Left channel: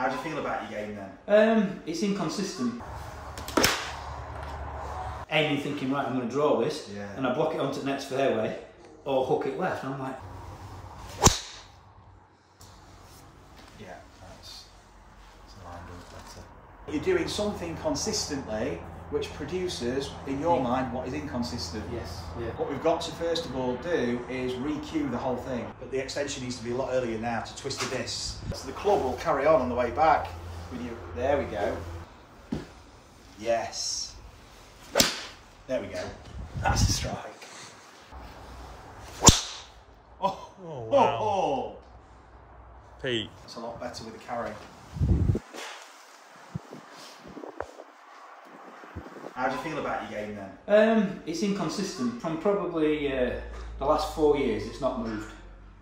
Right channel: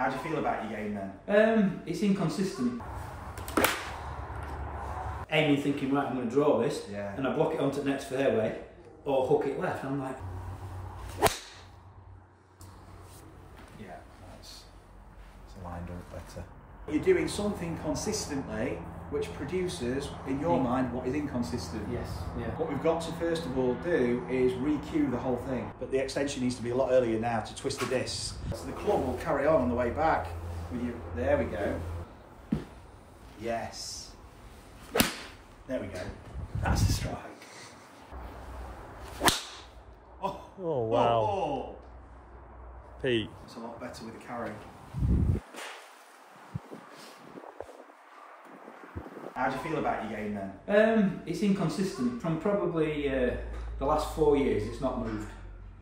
How do you feel about your game then? It's inconsistent. Aiming, thinking, right, I'm going to draw this, and I block it onto the next fairway, or hook it left, and I'm like... Yeah, that's a line better. You're doing something consistently which produces, in your mind, what is inconsistent. Yes. Yeah. What we've got to first of all do is re-cue the whole thing. But the extension needs to be a lot earlier now to twist the disc. So the club will carry on the way back. With you. There we go. Yes. There we go. That's a strike. Oh, wow. Oh. Pete. That's a lot better with the carry. How do you feel about your game then? It's inconsistent. From probably the last 4 years, it's not moved.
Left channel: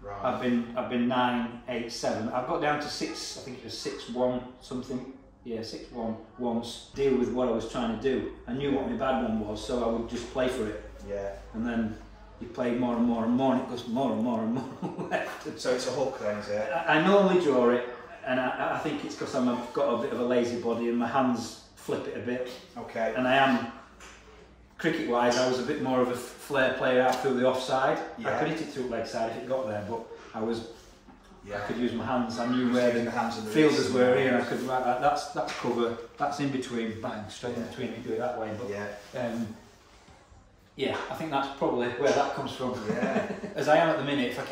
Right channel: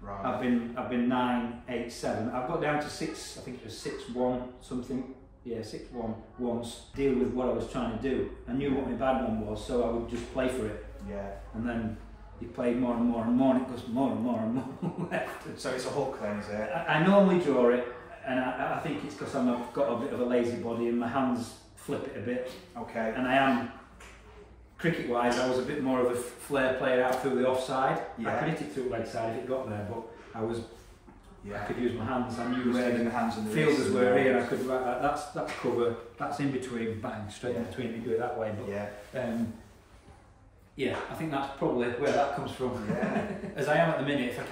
Right. I've been 9, 8, 7. I've got down to 6. I think it was 6-1 something. Yeah, 6-1 once. Deal with what I was trying to do. I knew what my bad one was, so I would just play for it. Yeah. And then you play more and more and more, and it goes more and more and more left. So it's a hook then, is it? I normally draw it, and I think it's because I've got a bit of a lazy body and my hands flip it a bit. Okay. And I am, cricket-wise, I was a bit more of a flair player out through the offside. Yeah. I could hit it through leg side if it got there, but I was. Yeah. I could use my hands. I knew where the hands and the fielders were here, and I could write like that's cover. That's in between. Bang, straight in between. You do it that way. But yeah, I think that's probably where that comes from. Yeah. As I am at the minute, if I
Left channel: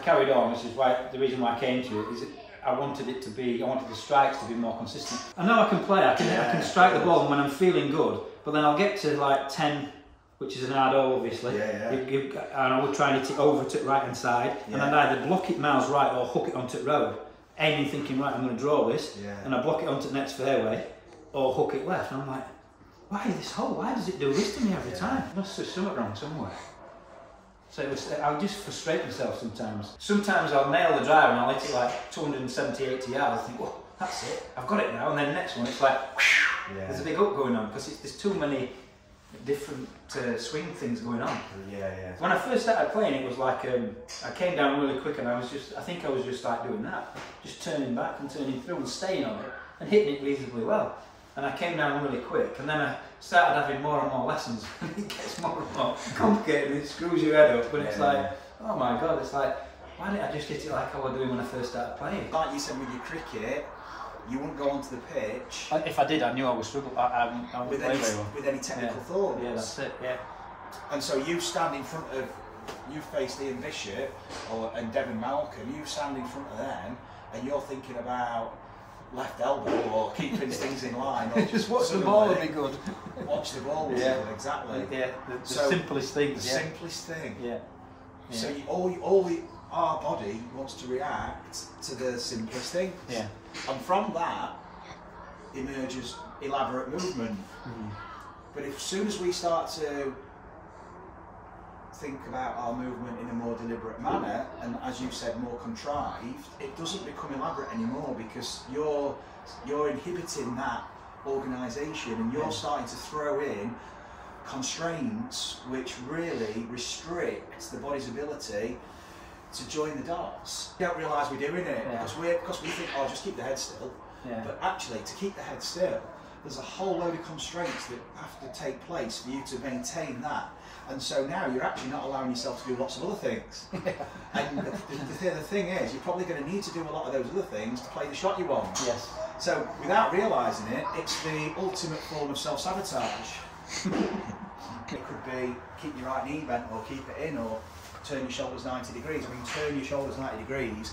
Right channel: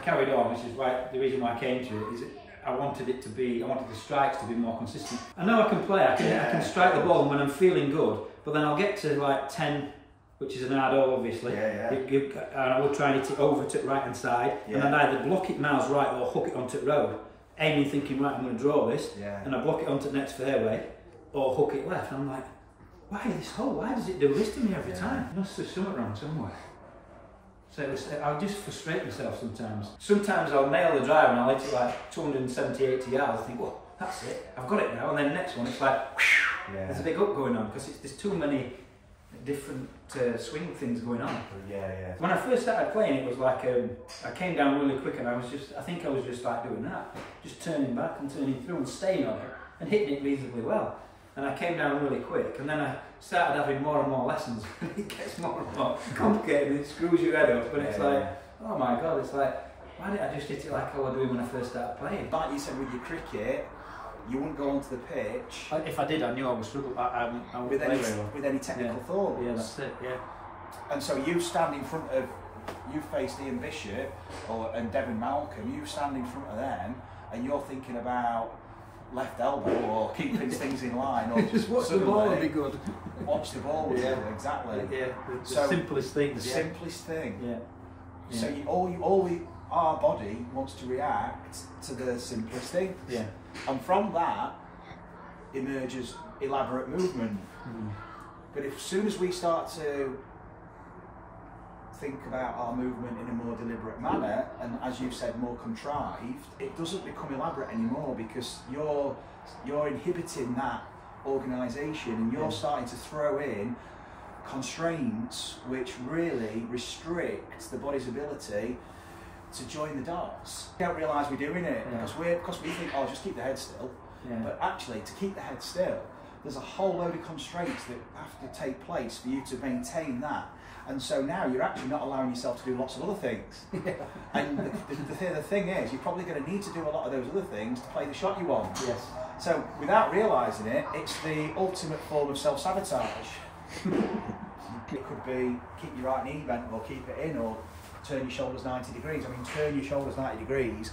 carried on, which is why the reason why I came to it is. I wanted the strikes to be more consistent. I know I can play, I can strike the ball when I'm feeling good, but then I'll get to like 10, which is an hard hole obviously, and I will try and hit it over to the right hand side, and I'd either block it miles right or hook it onto the road, aiming thinking, right, I'm going to draw this, and I block it onto the next fairway, or hook it left, and I'm like, why this hole, why does it do this to me every time? Must have something wrong somewhere. So I'll just frustrate myself sometimes. Sometimes I'll nail the drive and I'll hit it like 270, 80 yards. I think, well, that's it, I've got it now. And then the next one, it's like, there's a big up going on because there's too many different swing things going on. When I first started playing, it was like I came down really quick and I think I was just like doing that, just turning back and turning through and staying on it and hitting it reasonably well. And I came down really quick, and then I started having more and more lessons, and it gets more and more complicated, and it screws your head up, but it's like, oh my god, it's like, why didn't I just hit it like I was doing when I first started playing? Like you said with your cricket, you wouldn't go onto the pitch. If I did, I knew I would struggle. With any technical thoughts. Yeah, that's it, yeah. And so you stand in front of, you face Ian Bishop and Devon Malcolm, you stand in front of them, and you're thinking about left elbow or keeping things in line, or just watch the ball would be good. Watch the ball would be good, exactly. Yeah, the simplest thing. The simplest thing. Yeah. So our body wants to react to the simplest thing. Yeah. And from that emerges elaborate movement. But as soon as we start to think about our movement in a more deliberate manner, and as you said, more contrived, it doesn't become elaborate anymore because you're inhibiting that organisation, and you're starting to throw in constraints which really restrict the body's ability to join the dots. We don't realise we're doing it because we think, oh, just keep the head still. But actually, to keep the head still, there's a whole load of constraints that have to take place for you to maintain that. And so now you're actually not allowing yourself to do lots of other things. And the thing is, you're probably going to need to do a lot of those other things to play the shot you want. Yes. So without realising it, it's the ultimate form of self-sabotage. It could be keep your right knee bent, or keep it in, or turn your shoulders 90 degrees. I mean, turn your shoulders 90 degrees.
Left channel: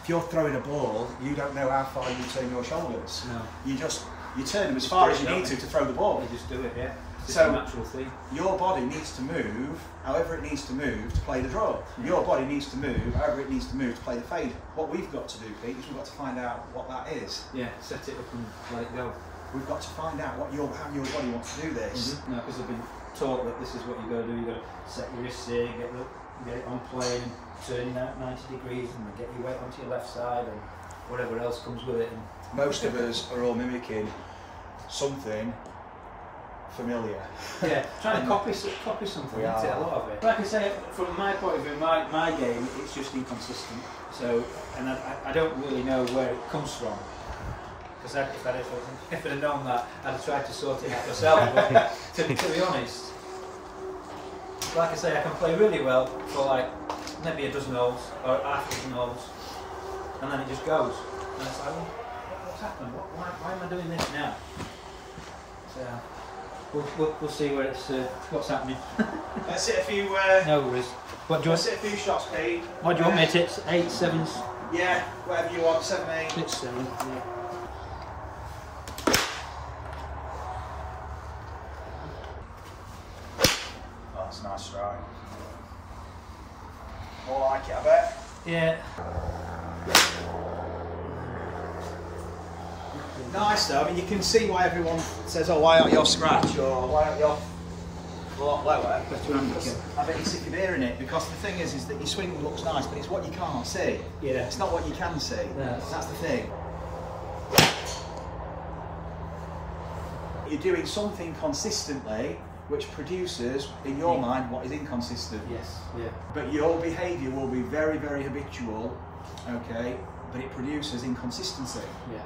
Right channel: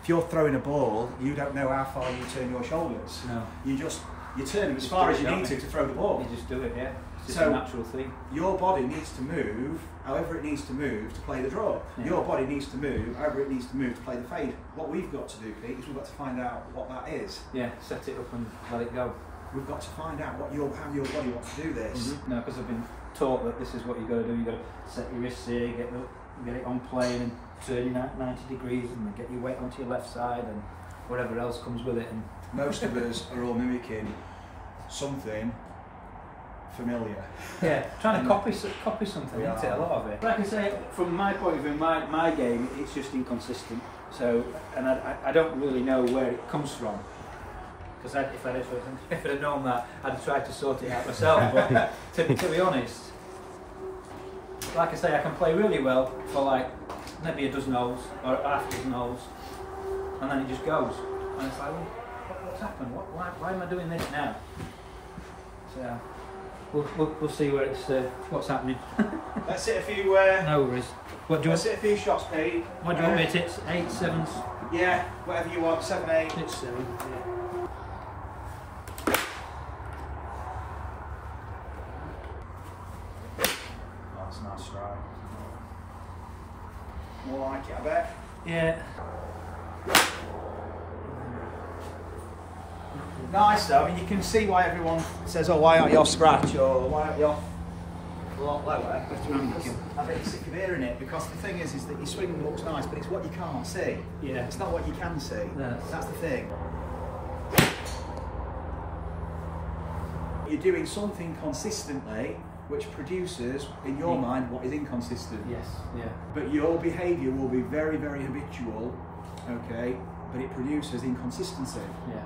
If you're throwing a ball, you don't know how far you turn your shoulders. No. You turn them as far as you need to throw the ball. You just do it, It's so a natural thing. Your body needs to move however it needs to move to play the draw. Your body needs to move however it needs to move to play the fade. What we've got to do, Pete, is we've got to find out what that is. Yeah, set it up and let it go. We've got to find out how your body wants to do this. No, because I've been taught that this is what you've got to do. You've got to set your wrists here, get it on plane and turn that 90 degrees and get your weight onto your left side and whatever else comes with it. And most of us are all mimicking something familiar. Yeah, trying to copy something, isn't it? A lot of it. Like I say, from my point of view, my game, it's just inconsistent. So, and I don't really know where it comes from. Because if I'd have known that, I'd have tried to sort it out myself. But to be honest, like I say, I can play really well for like maybe a dozen holes or half a dozen holes, and then it just goes. And it's like, well, what's happened? Why am I doing this now? So we'll see where it's what's happening. Let's hit a few. No worries. What do you Let's hit a few shots, Pete. What do you want me to hit? 8, 7s? Yeah, whatever you want. 7, 8. Let's see. Oh, that's a nice strike. More like it, I bet. Yeah. Nice though. I mean, you can see why everyone says, "Oh, why aren't you off scratch?" or "Why aren't you off a lot lower?" I bet you're sick of hearing it, because the thing is that your swing looks nice, but it's what you can't see. Yeah. It's not what you can see. That's the thing. You're doing something consistently which produces, in your mind, what is inconsistent. Yes. Yeah. But your behaviour will be very, very habitual, okay, but it produces inconsistency. Yeah.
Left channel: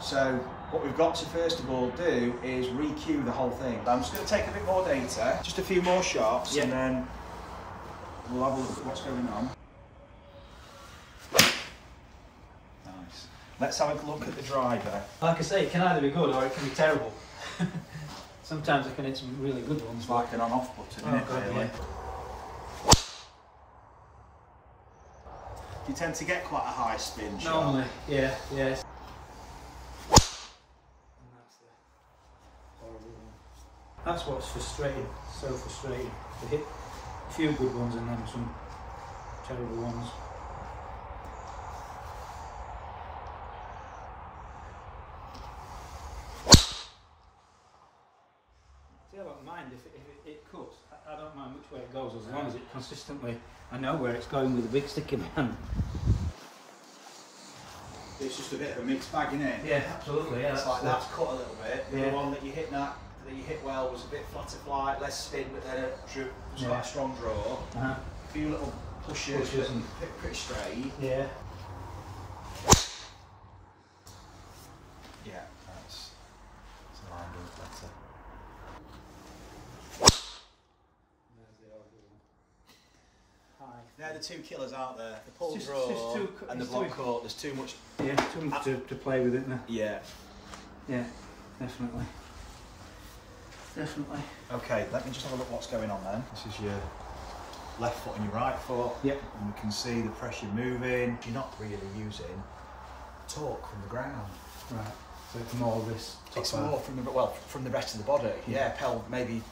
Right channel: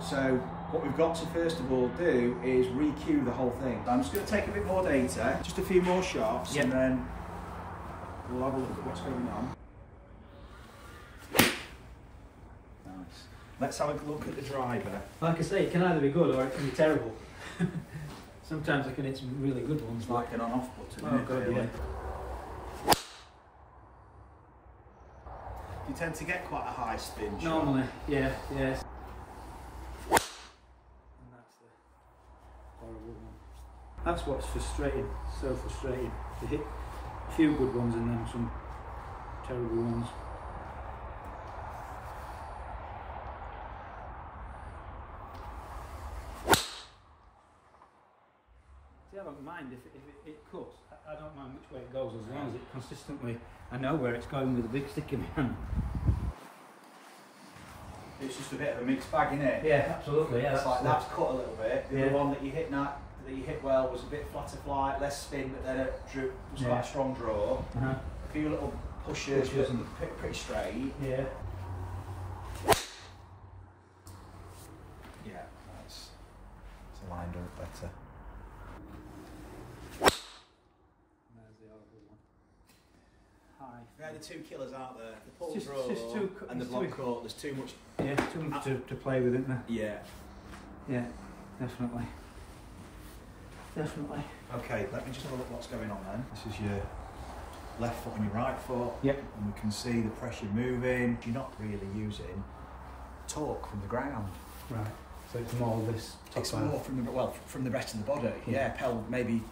So what we've got to first of all do is re-cue the whole thing. I'm just going to take a bit more data, just a few more shots, and then we'll have a look at what's going on. Nice. Let's have a look at the driver. Like I say, it can either be good or it can be terrible. Sometimes I can hit some really good ones. It's like an on-off button, isn't it, really? Yeah. You tend to get quite a high spin shot. Normally, yeah. And that's the horrible one. That's what's frustrating, so frustrating. To hit a few good ones and then some terrible ones. See, I don't mind if it cuts. I don't mind which way it goes, as long as it consistently, I know where it's going with a big stick in my hand. It's just a bit of a mixed bag, isn't it? Yeah, absolutely. Yeah, it's like that's cut a little bit. The Yeah. other one that you hit well was a bit flatter flight, less spin, but then it was quite a strong draw. A few little pushes and pretty straight. Yeah. Yeah, that's a line better. There's the horrible one. Hi. Yeah, the two killers, aren't there? The pull It's draw just too and the block court. There's too much. Yeah, too much to play with, isn't there? Yeah. Yeah, definitely. Definitely. Okay, let me just have a look what's going on then. This is your left foot and your right foot. Yep. And we can see the pressure moving. You're not really using torque from the ground. Right. So it's more this top It's more from the rest of the body. Yeah, maybe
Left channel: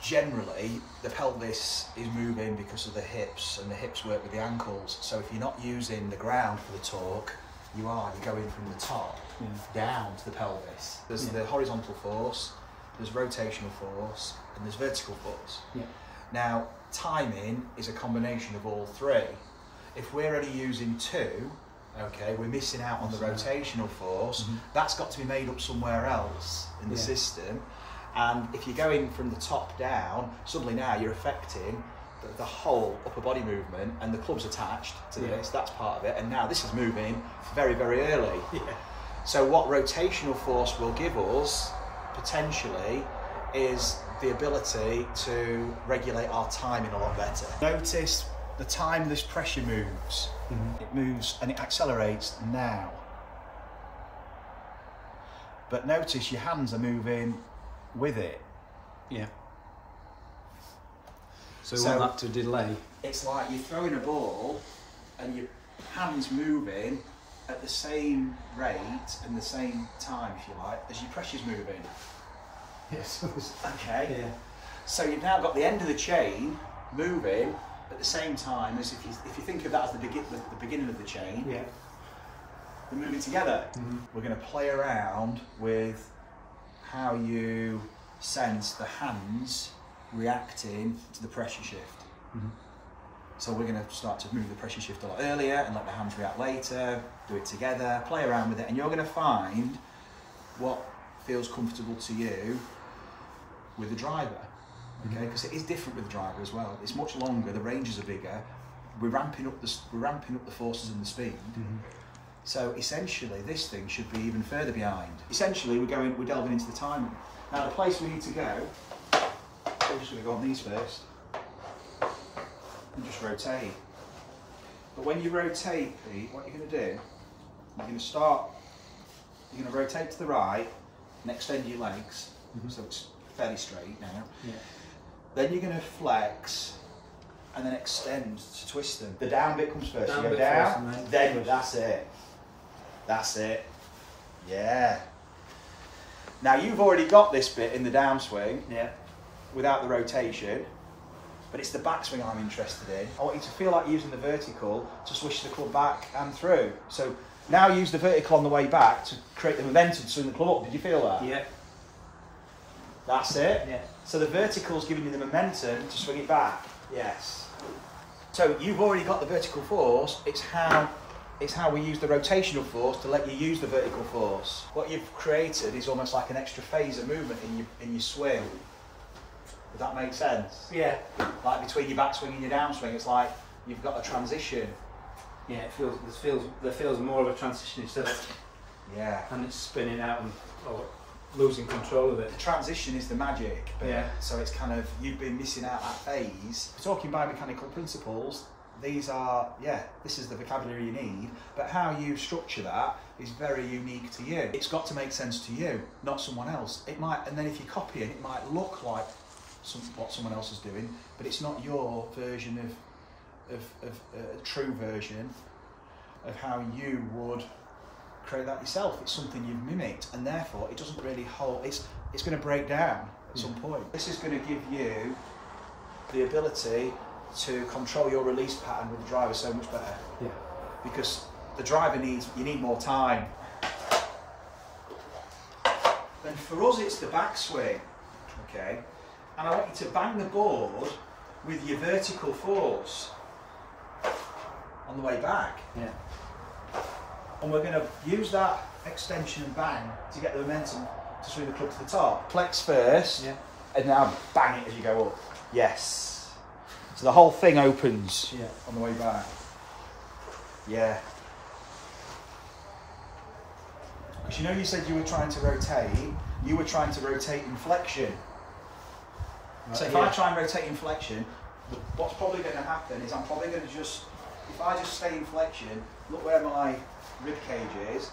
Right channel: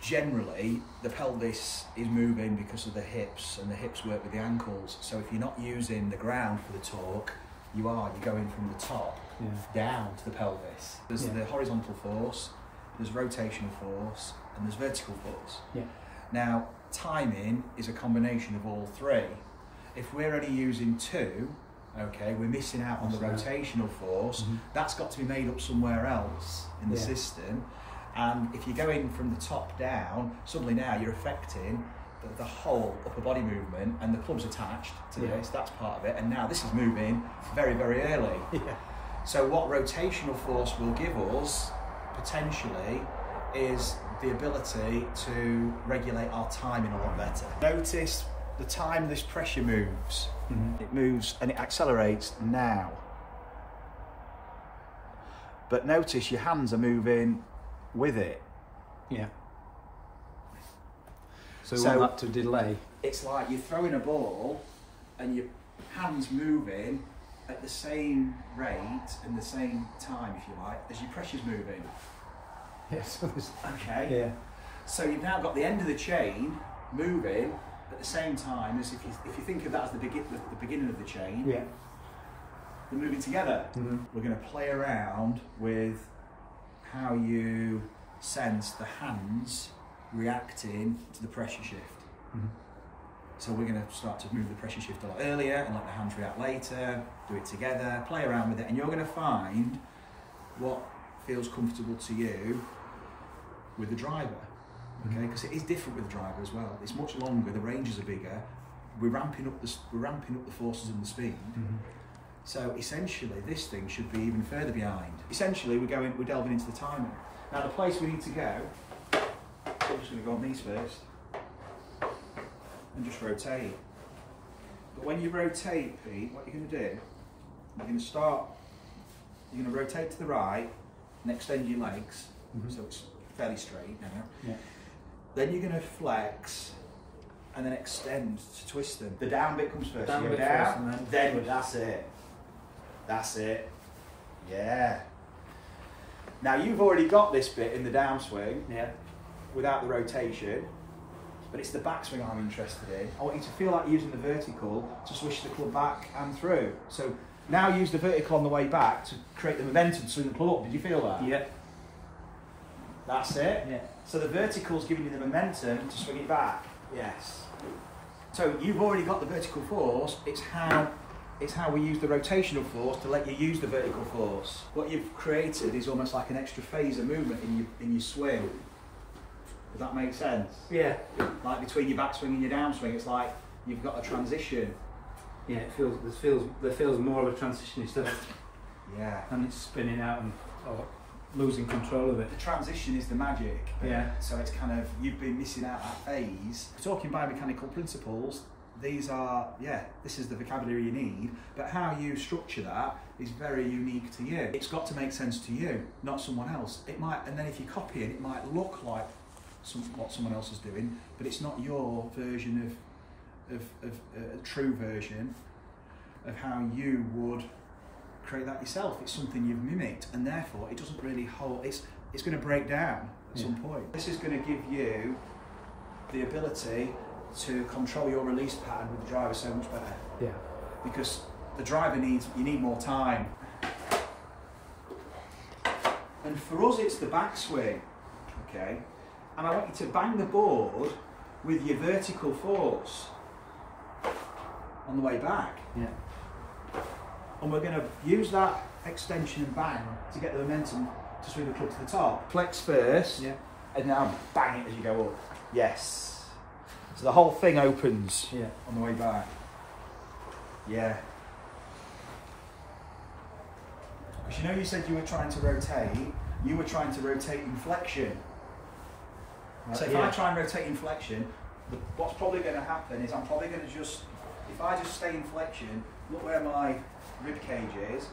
generally the pelvis is moving because of the hips, and the hips work with the ankles. So if you're not using the ground for the torque, you're going from the top down to the pelvis. There's the horizontal force, there's rotational force, and there's vertical force. Yeah. Now, timing is a combination of all three. If we're only using two, okay, we're missing out on the rotational force. That's got to be made up somewhere else in the system. And if you're going from the top down, suddenly now you're affecting the whole upper body movement, and the club's attached to this, that's part of it, and now this is moving very, very early. So what rotational force will give us, potentially, is the ability to regulate our timing a lot better. Notice the time this pressure moves. It moves and it accelerates now. But notice your hands are moving with it. Yeah. So you want that to delay. It's like you're throwing a ball and your hands moving at the same rate and the same time, if you like, as your pressure's moving. Yes. Okay. Yeah. So you've now got the end of the chain moving at the same time as if you think of that as the beginning of the chain. Yeah. We're moving together. We're going to play around with how you sense the hands reacting to the pressure shift. So we're going to start to move the pressure shift a lot earlier and let the hands react later, do it together, play around with it, and you're going to find what feels comfortable to you with the driver. Okay, because it is different with the driver as well. It's much longer, the ranges are bigger. We're ramping up the forces and the speed. So essentially, this thing should be even further behind. Essentially, we're delving into the timing. Now, the place we need to go, we're just going to go on these first, and just rotate. But when you rotate, Pete, what you're going to do, you're going to rotate to the right and extend your legs, so it's fairly straight now. Yeah. Then you're going to flex and then extend to twist them. The down bit comes first. Down you go bit down, first, then that's it. That's it. Yeah. Now you've already got this bit in the downswing. Yeah. Without the rotation, but it's the backswing I'm interested in. I want you to feel like using the vertical to swish the club back and through. So now use the vertical on the way back to create the momentum to swing the club up. Did you feel that? Yeah. That's it? Yeah. So the vertical's giving you the momentum to swing it back. Yes. So you've already got the vertical force, it's how we use the rotational force to let you use the vertical force. What you've created is almost like an extra phase of movement in your swing. Does that make sense? Yeah. Like between your backswing and your downswing, it's like you've got a transition. Yeah, there feels more of a transition instead of and it's spinning out or losing control of it. The transition is the magic. Yeah. So it's kind of, you've been missing out that phase. Talking biomechanical principles, these are, this is the vocabulary you need, but how you structure that is very unique to you. It's got to make sense to you, not someone else. It might, and then if you copy it, it might look like what someone else is doing, but it's not your version of true version of how you would create that yourself. It's something you've mimicked, and therefore it doesn't really hold. It's going to break down at some point. This is going to give you the ability to control your release pattern with the driver so much better. Yeah. Because the driver you need more time. And for us, it's the backswing. Okay. And I want you to bang the board with your vertical force on the way back. Yeah. And we're going to use that extension and bang to get the momentum to swing the club to the top. Flex first, and now bang it as you go up. Yes. So the whole thing opens on the way back. Yeah. Because you said you were trying to rotate in flexion. So if I try and rotate in flexion, what's probably going to happen is I'm probably going to if I just stay in flexion, look where my rib cage is,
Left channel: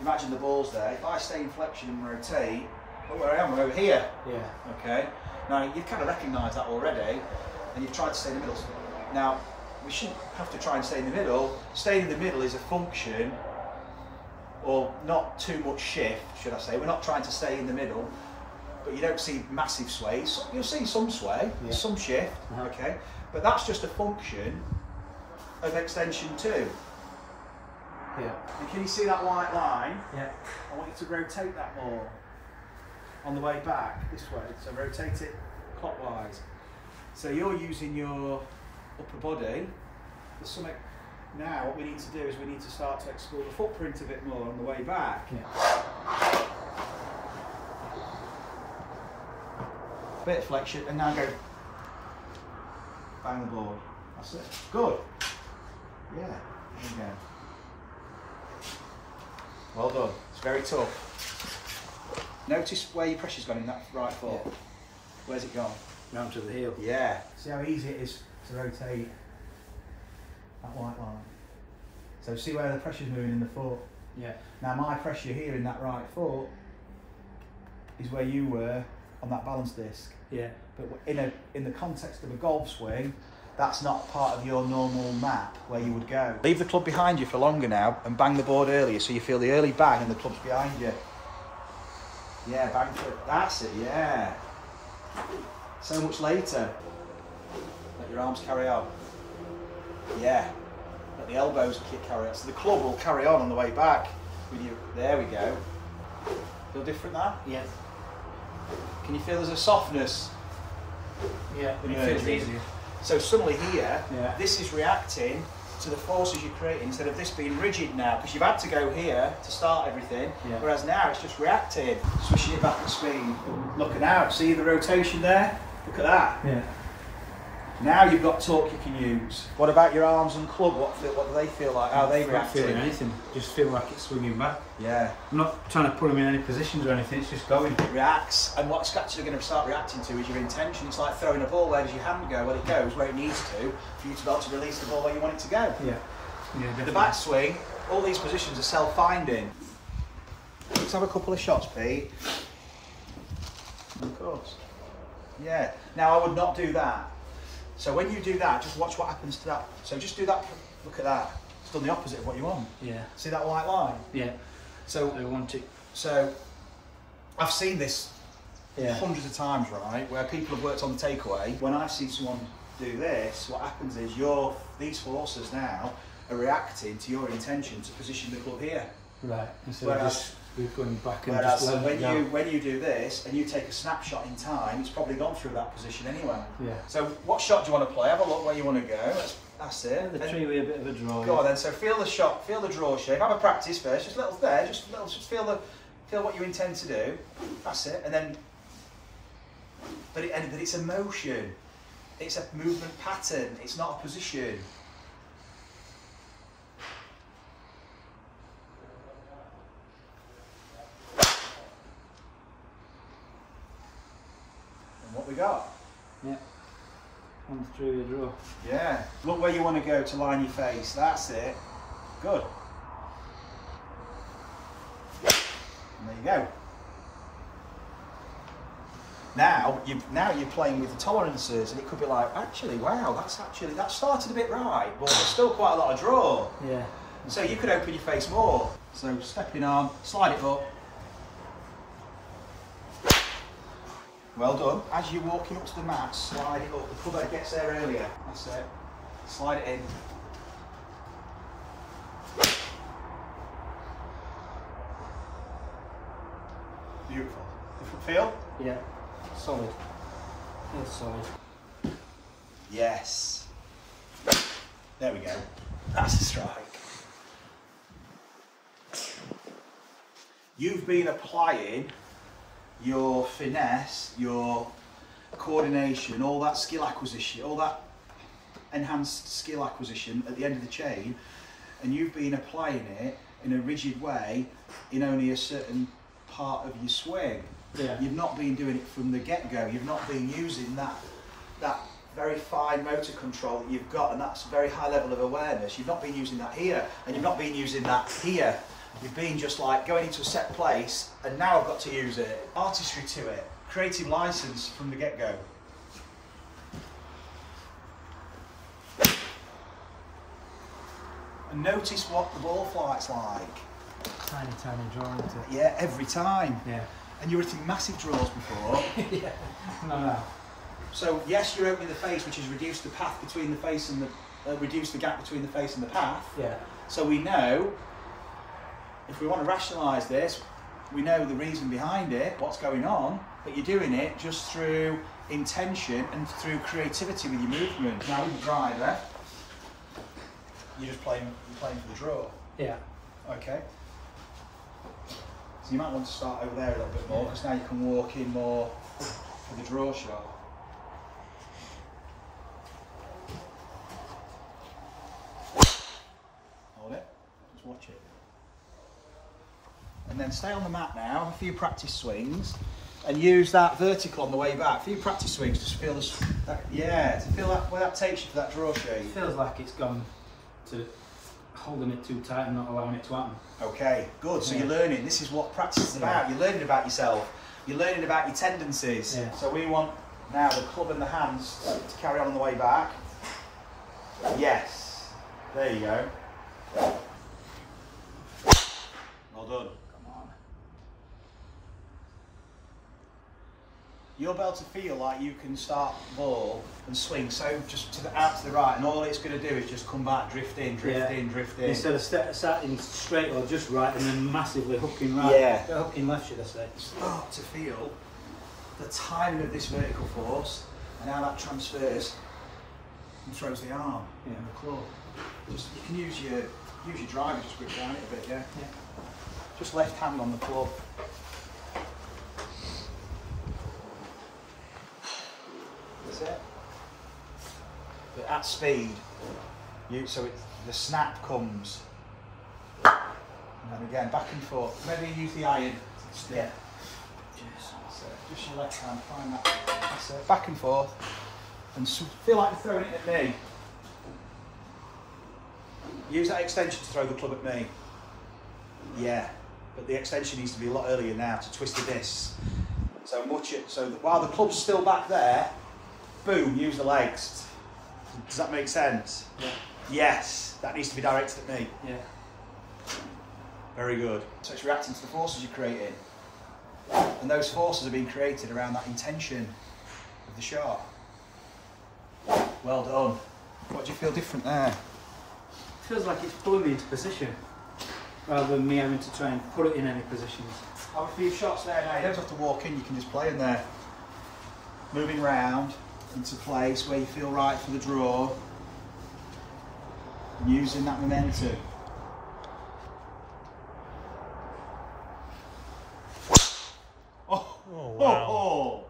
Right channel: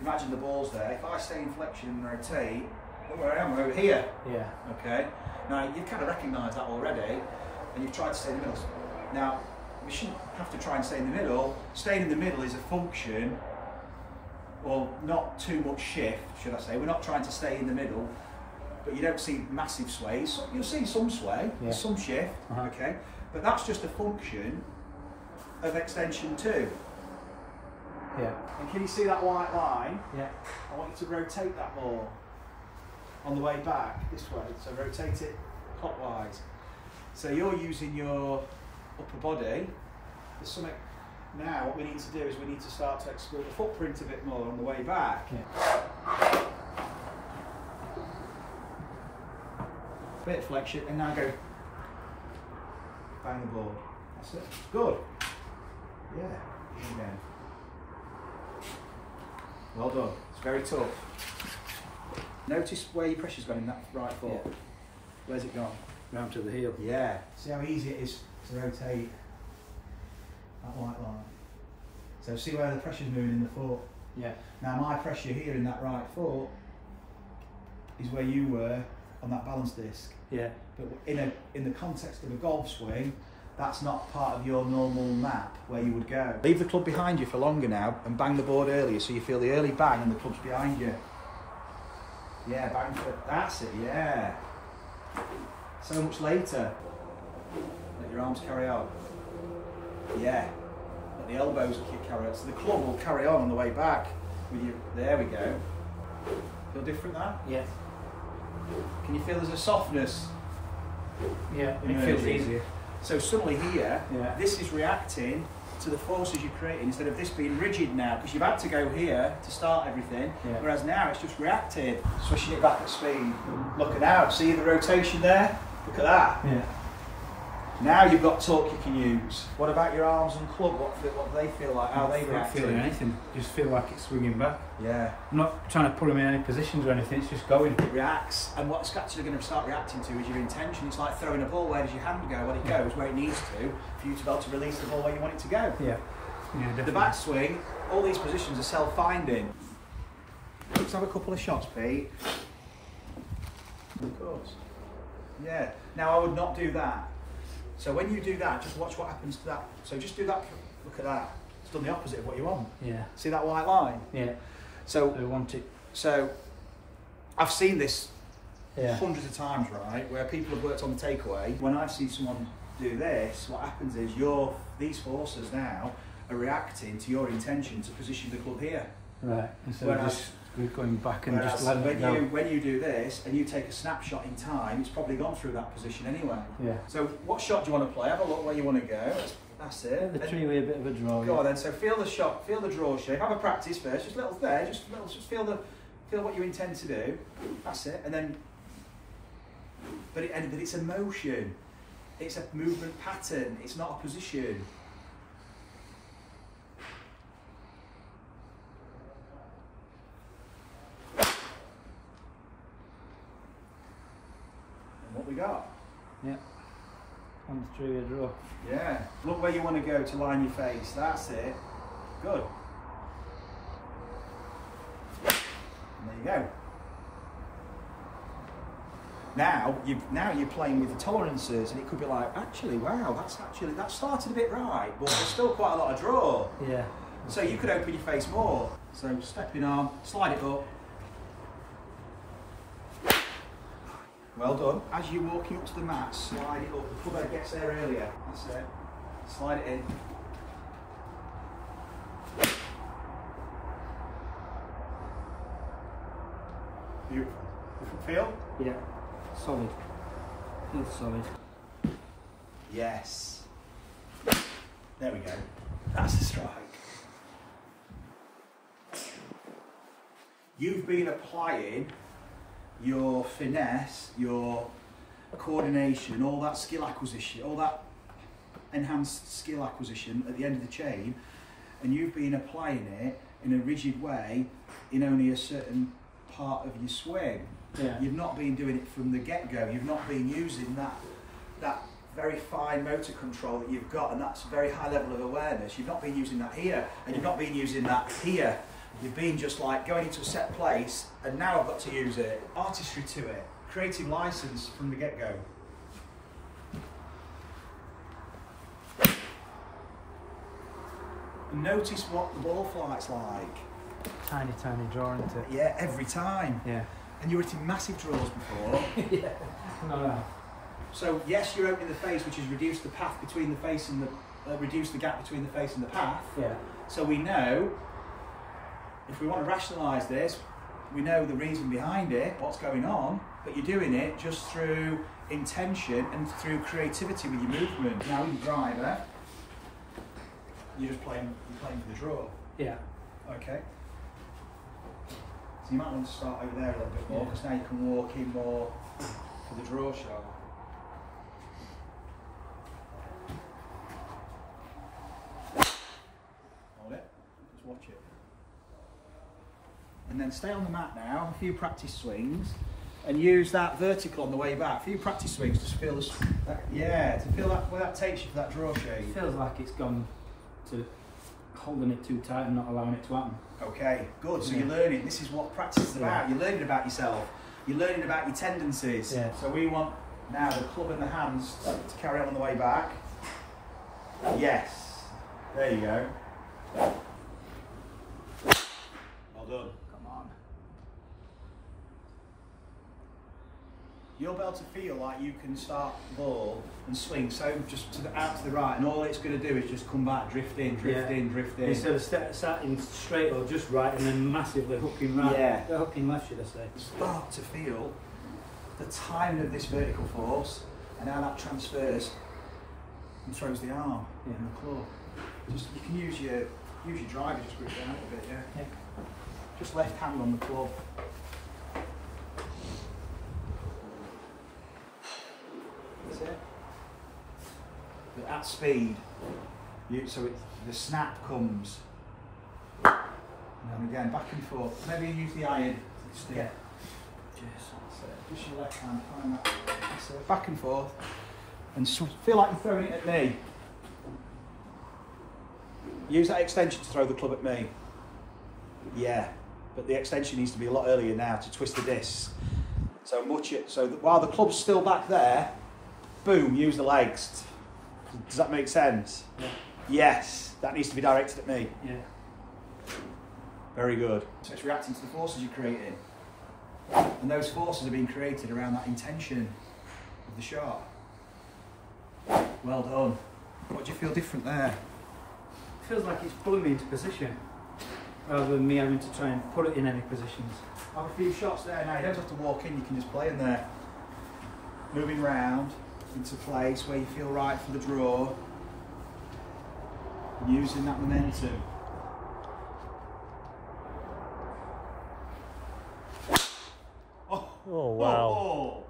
imagine the ball's there. If I stay in flexion and rotate, look where I am, we're over here. Yeah. Okay. Now you've kind of recognised that already, and you've tried to stay in the middle. Now, we shouldn't have to try and stay in the middle. Staying in the middle is a function, or not too much shift, should I say. We're not trying to stay in the middle, but you don't see massive sways. You'll see some sway, some shift, okay? But that's just a function of extension 2. Yeah. And can you see that white line? Yeah. I want you to rotate that more on the way back this way. So rotate it clockwise. So you're using your upper body. There's something now. What we need to do is we need to start to explore the footprint a bit more on the way back. Yeah. Bit of flexion, and now go bang the board. That's it. Good. Yeah. Again. Well done. It's very tough. Notice where your pressure's gone in that right foot. Yeah. Where's it gone? Round to the heel. Yeah. See how easy it is to rotate that white line. So see where the pressure's moving in the foot. Yeah. Now my pressure here in that right foot is where you were on that balance disc. Yeah. But in the context of a golf swing, that's not part of your normal map where you would go. Leave the club behind you for longer now and bang the board earlier so you feel the early bang and the club's behind you. Yeah, bang for it. That's it, yeah. So much later. Let your arms carry out. Yeah. Let the elbows carry out. So the club will carry on the way back with you. There we go. Feel different now? Yeah. Can you feel there's a softness? Yeah, it feels easier. So suddenly here, this is reacting to the forces you're creating instead of this being rigid now, because you've had to go here to start everything, whereas now it's just reacting. Swishing it back at speed. Look at now, see the rotation there? Look at that. Yeah. Now you've got torque you can use. What about your arms and club? What do they feel like? How they I'm not react? feeling anything. Just feel like it's swinging back. Yeah. I'm not trying to put them in any positions or anything. It's just going. It reacts, and what it's actually going to start reacting to is your intention. It's like throwing a ball. Where does your hand go? Well, it goes where it needs to for you to be able to release the ball where you want it to go. Yeah. Yeah, definitely. The backswing, all these positions are self-finding. Let's have a couple of shots, Pete. Of course. Yeah. Now I would not do that. So when you do that, just watch what happens to that. So just do that. Look at that. It's done the opposite of what you want. Yeah. See that white line? Yeah. So I want it. So I've seen this Yeah. hundreds of times, right? Where people have worked on the takeaway. When I've seen someone do this, what happens is these forces now are reacting to your intention to position the club here. Right. Instead of just going back and Whereas just letting it go. when you do this and you take a snapshot in time, it's probably gone through that position anyway. Yeah. So what shot do you want to play? Have a look where you want to go. That's it. Yeah, the tree with a bit of a draw. Go on then. So feel the shot, feel the draw shape. Have a practice first. Just little there. Just feel what you intend to do. That's it. And then, but it's a motion. It's a movement pattern. It's not a position. What we got? Yeah. On the tree with a draw. Yeah. Look where you want to go to line your face. That's it. Good. And there you go. Now you're playing with the tolerances, and it could be like, actually, wow, that started a bit right, but there's still quite a lot of draw. Yeah. So you could open your face more. So stepping arm, slide it up. Well done. As you're walking up to the mat, slide it up. The club head gets there earlier. That's it. Slide it in. Beautiful. Different feel? Yeah. Solid. Feels solid. Yes. There we go. That's a strike. You've been applying your finesse, your coordination, all that skill acquisition, all that enhanced skill acquisition at the end of the chain, and you've been applying it in a rigid way in only a certain part of your swing. Yeah. You've not been doing it from the get-go. You've not been using that very fine motor control that you've got, and that's a very high level of awareness. You've not been using that here, and you've not been using that here. You've been just like going into a set place, and now I've got to use it. Artistry to it, creative license from the get-go. And notice what the ball flight's like. Tiny, tiny draw into it. Yeah, every time. Yeah. And you were hitting massive draws before. Yeah. No. So yes, you're opening the face, which has reduced the path between the face and the, reduced the gap between the face and the path. Yeah. So we know, if we want to rationalise this, we know the reason behind it, what's going on, but you're doing it just through intention and through creativity with your movement. Now with the driver, you're playing for the draw. Yeah. Okay. So you might want to start over there a little bit more, because now you can walk in more for the draw shot. Hold it, just watch it. And then stay on the mat now, a few practice swings, and use that vertical on the way back. A few practice swings, just feel this, to feel that, where that takes you for that draw shape. It feels like it's gone to holding it too tight and not allowing it to happen. Okay, good. So Yeah. you're learning. This is what practice is about. You're learning about yourself. You're learning about your tendencies. Yeah. So we want now the club and the hands to carry on the way back. Yes. There you go. Well done. Come on. You'll be able to feel like you can start the ball and swing so just out to the right, and all it's going to do is just come back, drift in, drift in, drift in. Instead of starting straight or just right and then massively hooking right. Yeah. Hooking left, should I say. Start to feel the timing of this vertical force and how that transfers and throws the arm and the club. Just you can use your driver, just grip down it a bit, yeah. Just left hand on the club. That's it. that speed, the snap comes. And again, back and forth. Maybe use the iron stick. Yeah. So just your left hand, find that. So back and forth. And feel like you're throwing it at me. Use that extension to throw the club at me. Yeah, but the extension needs to be a lot earlier now to twist the disc. So watch it. So that while the club's still back there, boom, use the legs. Does that make sense? Yeah. Yes, that needs to be directed at me. Yeah. Very good. So it's reacting to the forces you're creating. And those forces are being created around that intention of the shot. Well done. What do you feel different there? It feels like it's pulling me into position, rather than me having to try and put it in any positions. Have a few shots there now. You don't have to walk in, you can just play in there. Moving round into place where you feel right for the draw. And using that momentum. Oh, wow. Oh.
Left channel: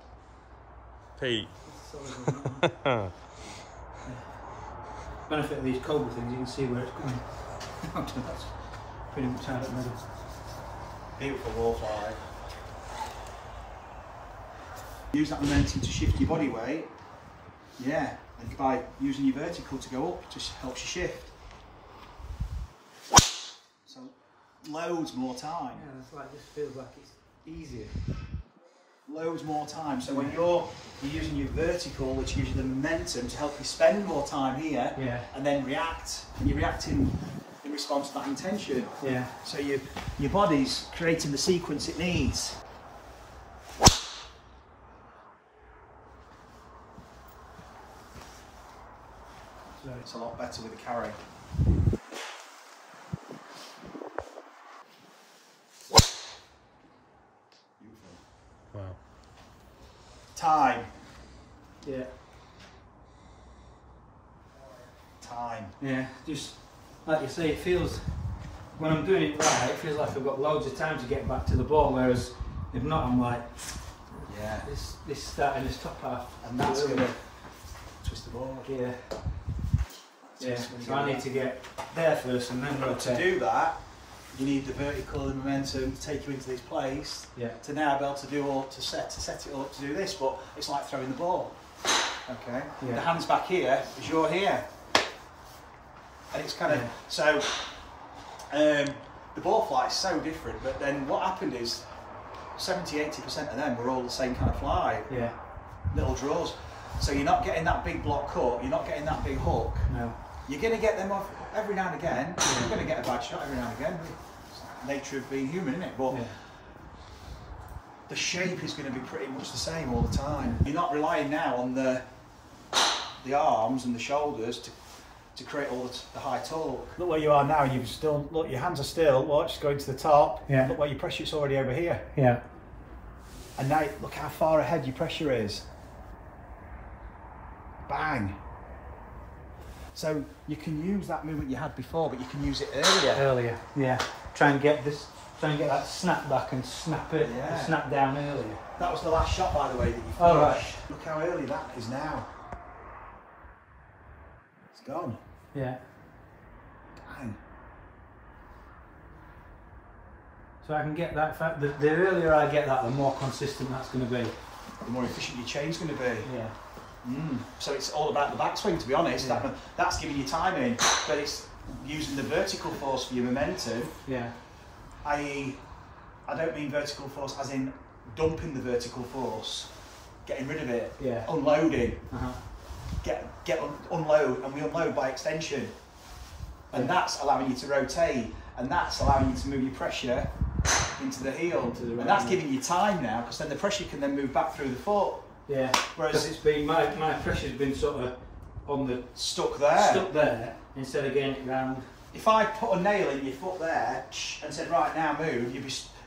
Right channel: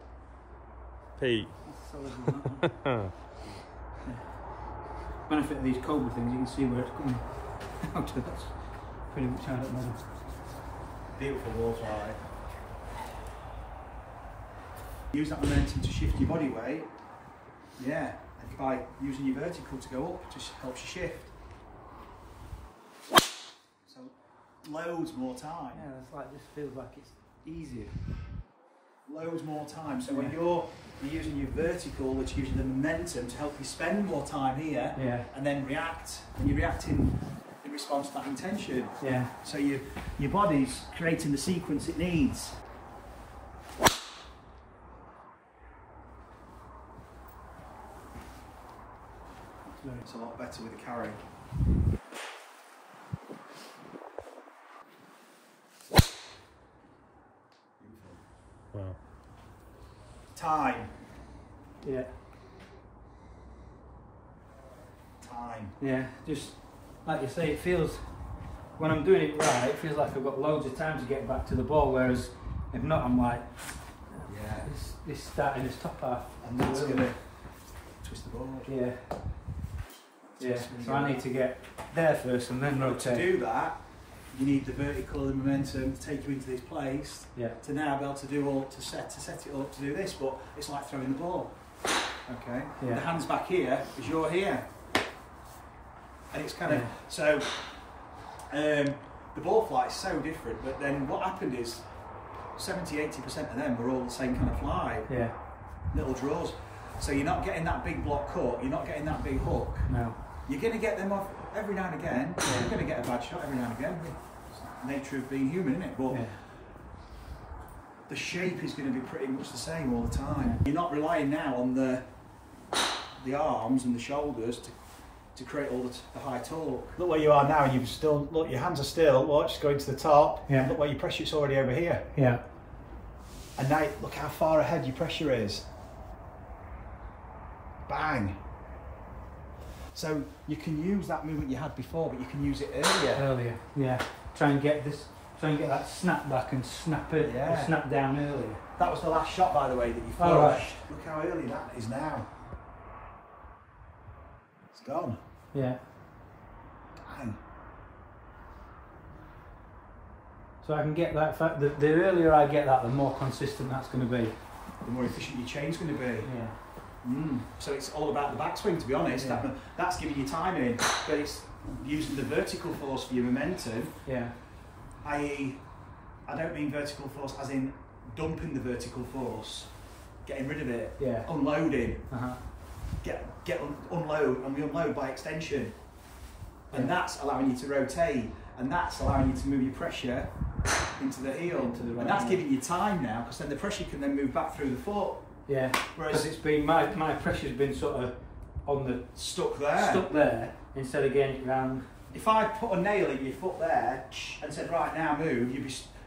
Pete. Benefit of these Cobra things, you can see where it's coming out to. That's pretty much out at middle. Beautiful ball fly. Use that momentum to shift your body weight. Yeah, and by using your vertical to go up, just helps you shift. So loads more time. Yeah, it's like, just feels like it's easier. Loads more time. So when you're using your vertical, which gives you the momentum to help you spend more time here, Yeah. and then react, and you're reacting in response to that intention. Yeah. So your body's creating the sequence it needs. It's a lot better with the carry. Beautiful. Wow. Time. Yeah. Time. Yeah. Just like you say, it feels, when I'm doing it right, it feels like I've got loads of time to get back to the ball, whereas if not, I'm like, Yeah. this starting this top half. And that's going to twist the ball. Yeah. Yeah. So I need to get there first and then rotate. To do that, you need the vertical and momentum to take you into this place. Yeah. To now be able to do all to set it all up to do this, but it's like throwing the ball. Okay. Yeah. The hand's back here as you're here, and it's kind of so. The ball flight is so different, but then what happened is 70–80% of them were all the same kind of fly. Yeah. Little draws. So you're not getting that big block cut. You're not getting that big hook. No. You're going to get them off every now and again. You're going to get a bad shot every now and again. It's the nature of being human, isn't it? But the shape is going to be pretty much the same all the time. You're not relying now on the arms and the shoulders to create all the high torque. Look where you are now. You've still look. Your hands are still. Watch, going to the top. Yeah. Look where your pressure's already over here. Yeah. And now look how far ahead your pressure is. Bang. So you can use that movement you had before, but you can use it earlier. Earlier. Yeah. Try and get that snap back and snap it. Yeah. Snap down earlier. That was the last shot, by the way, that you finished. Oh, right. Look how early that is now. It's gone. Yeah. Bang. So I can get that. The earlier I get that, the more consistent that's going to be. The more efficient your chain's going to be. Yeah. So it's all about the backswing, to be honest. Yeah. That's giving you timing, but it's using the vertical force for your momentum. Yeah. I.e., I don't mean vertical force as in dumping the vertical force, getting rid of it, Yeah. unloading. Uh-huh. Unload, and we unload by extension, and Yeah. that's allowing you to rotate, and that's allowing you to move your pressure into the heel, and that's giving you time now, because then the pressure can then move back through the foot. Yeah. Whereas Because it's been my pressure's been sort of on the stuck there instead of getting it round. If I put a nail in your foot there and said, right, now move,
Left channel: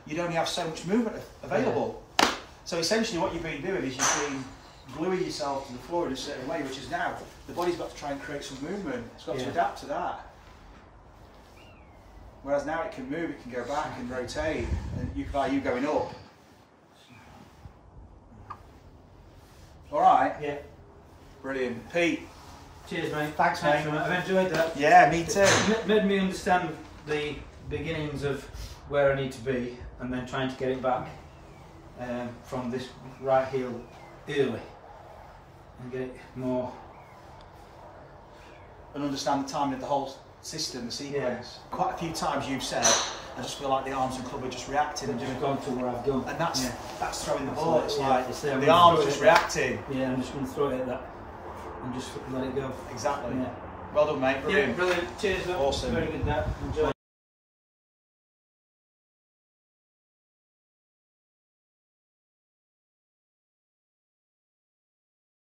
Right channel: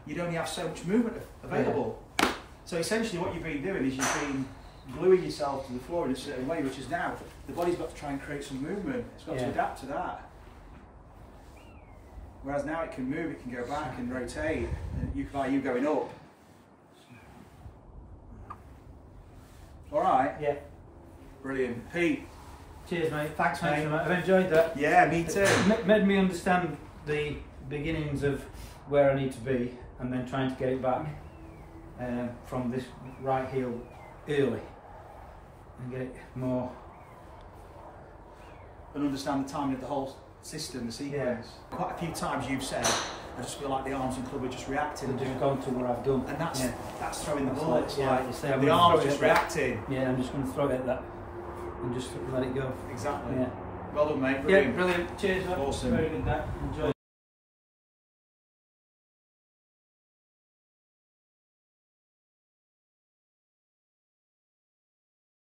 you'd only have so much movement available. Yeah. So essentially what you've been doing is you've been gluing yourself to the floor in a certain way, which is now the body's got to try and create some movement. It's got to adapt to that. Whereas now it can move, it can go back and rotate, and you going up. All right. Yeah. Brilliant. Pete, Cheers, mate. Thanks, mate. I've enjoyed that. Yeah, me too. Made me understand the beginnings of where I need to be, and then trying to get it back from this right heel early, and get it more. And understand the timing of the whole system, the sequence. Yeah. Quite a few times you've said, I just feel like the arms and club are just reacting and Just doing. gone from where I've done. And that's throwing the That's ball. like- It's yeah, like it's there, the I'm arms gonna just throw it at reacting. Yeah, I'm just going to throw it at that and just let it go. Exactly. Yeah. Well done, mate. Yeah, Brilliant. brilliant. Cheers, mate. Awesome. Very good that. Enjoyed